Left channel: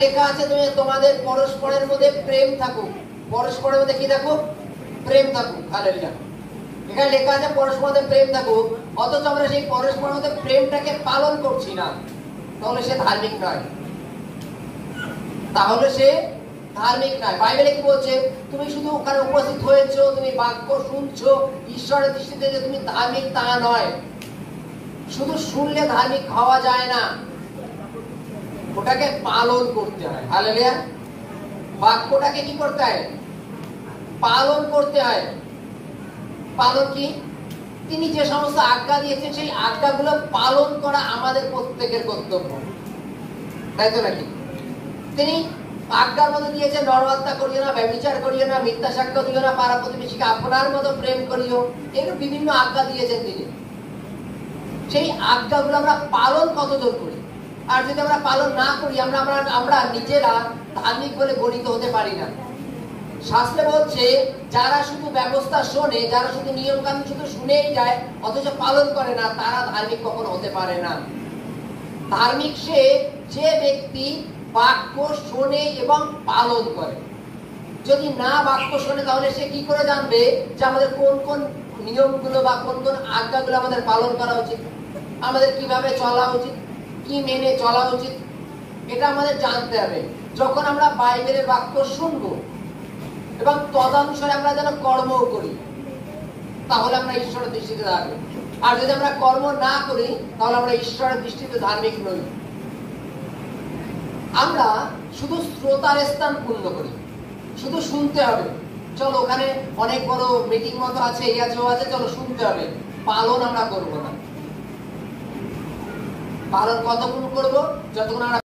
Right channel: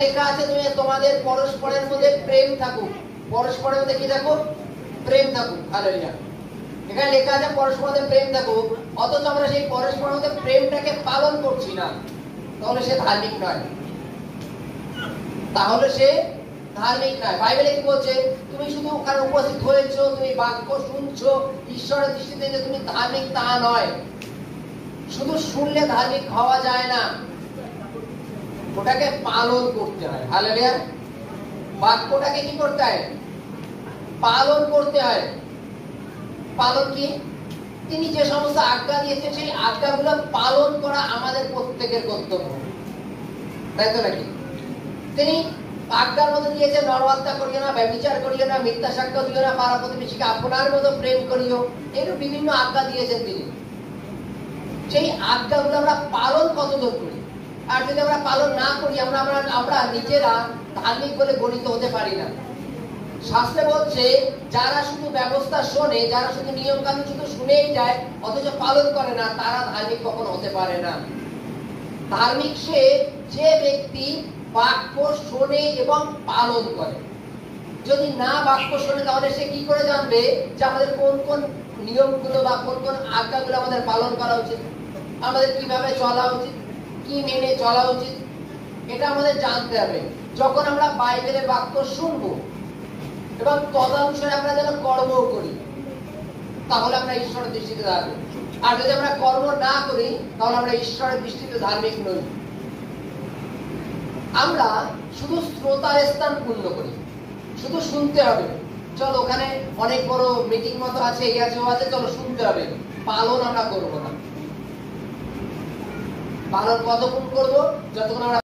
লেখা আছে তুমি তোমাদের পরস্পরের মধ্যে প্রেম থাকুক, পরস্পরের মধ্যে কি থাকুক? প্রেম থাকুক। হালেলুয়া। এখানে লেখা আছে পরস্পরের মধ্যে প্রেম থাকুক, অথচ আমরা সেই পরস্পরের মধ্যে প্রেমটাকে পালন করছি না, তাহলে সে ধার্মিক নয়। তাহলে সে ধার্মিক নয়। বাইবেলে কি বলছে? তুমি শুধু ওখানে উপস্থিত হয়েছো, তুমি বাক্য শুনছো, ঈশ্বরের দৃষ্টিতে যে তুমি ধার্মিক তা নয়। শুধু শুনলে ধার্মিক হওয়া যায় না, ওটাকে পালন করতে হয়। হালেলুয়া। বাক্যটাকে কি করতে হয়? পালন করতে হয়। পালন কি? তিনি যে সমস্ত আজ্ঞা দিয়েছেন সেই আজ্ঞাগুলো পালন করা আমাদের প্রত্যেকের কর্তব্য, তাই তো নাকি? তিনি আজ্ঞার মধ্যে দিয়েছেন নরহত্যা করিও না, ব্যভিচার করিও না, মিথ্যা সাক্ষ্য দিও না, পাড়া প্রতিবেশীকে আপনার মতো প্রেম করিও, এরকম বিভিন্ন আজ্ঞা দিয়েছেন তিনি। সেই আজ্ঞাগুলো আমরা পালন কতদূর করি? আর যদি আমরা পালন না করি, আমরা নিজেরা ধার্মিক বলে গণিত হতে পারি না। শাস্ত্রে বলছে যারা শুধু ব্যবস্থা শোনে, যারা শুধু নিয়ম কানুন শুধু শুনেই যায় অথচ পালন করে না, তারা ধার্মিক কখনো হতে পারে না। ধার্মিক সে যে ব্যক্তি বাক্য শোনে এবং পালন করে। যদি না বাক্য শোনে, তাহলে সে কি করে জানবে যে আমাদের কোন কোন নিয়মগুলো বা কোন কোন আজ্ঞাগুলো আমাদের পালন করা উচিত, আমাদের কিভাবে চলা উচিত, কি মেনে চলা উচিত? এটা আমাদের জানতে হবে। যখন আমরা বাইবেলের বাক্য শুনবো এবং তদনুসারে আমরা যেন কর্ম করি, তাহলে আমরা ঈশ্বরের দৃষ্টিতে ধার্মিক। আর যদি আমরা কর্ম না করি, তাহলে আমরা ঈশ্বরের দৃষ্টিতে ধার্মিক নই। আমরা শুধু শ্রোতার স্থান পূর্ণ করি, শুধু শুনতে হবে। চলো ওখানে অনেক বড় মিটিং মতো আছে, এই আছে ও আছে, চলো শুনতে হবে। পালন আমরা করবো না। পালন কতক্ষণ করবো? যতক্ষণ আমরা